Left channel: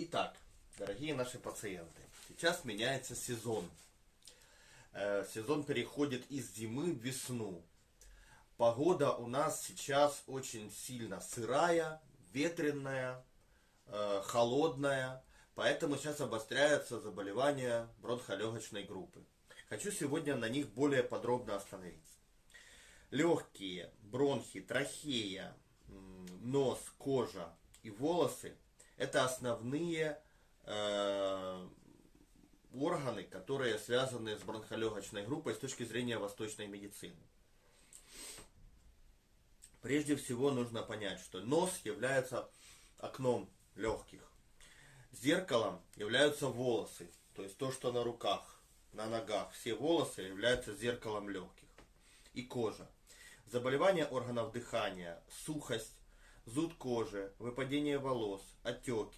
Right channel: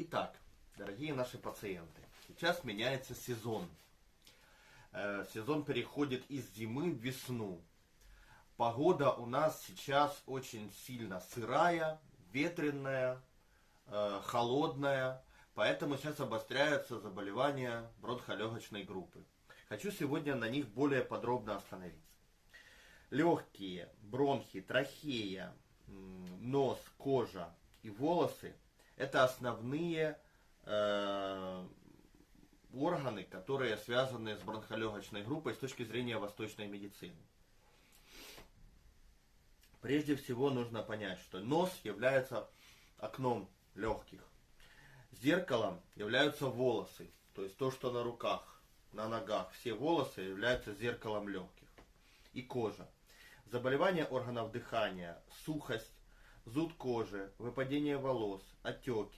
Итак, дорогие наши пациенты, сейчас меняется сезон. Сезон переходит из зимы в весну. Погода у нас сейчас очень сильно сырая, ветреная, холодная, поэтому сейчас обостряются заболевания бронхолегочной группы. Хочу сегодня на них более подробно остановиться. Легкие, бронхи, трахея, нос, кожа и волосы – это основные органы, которые связаны с бронхолегочной группой с точки зрения восточной медицины. Прежде всего нужно понять, что нос является окном легких. Зеркалом являются волосы, то есть то, что на руках, на ногах. Все волосы являются зеркалом легких. И кожа. Заболевания органов дыхания, сухость, зуд кожи, выпадение волос, отеки,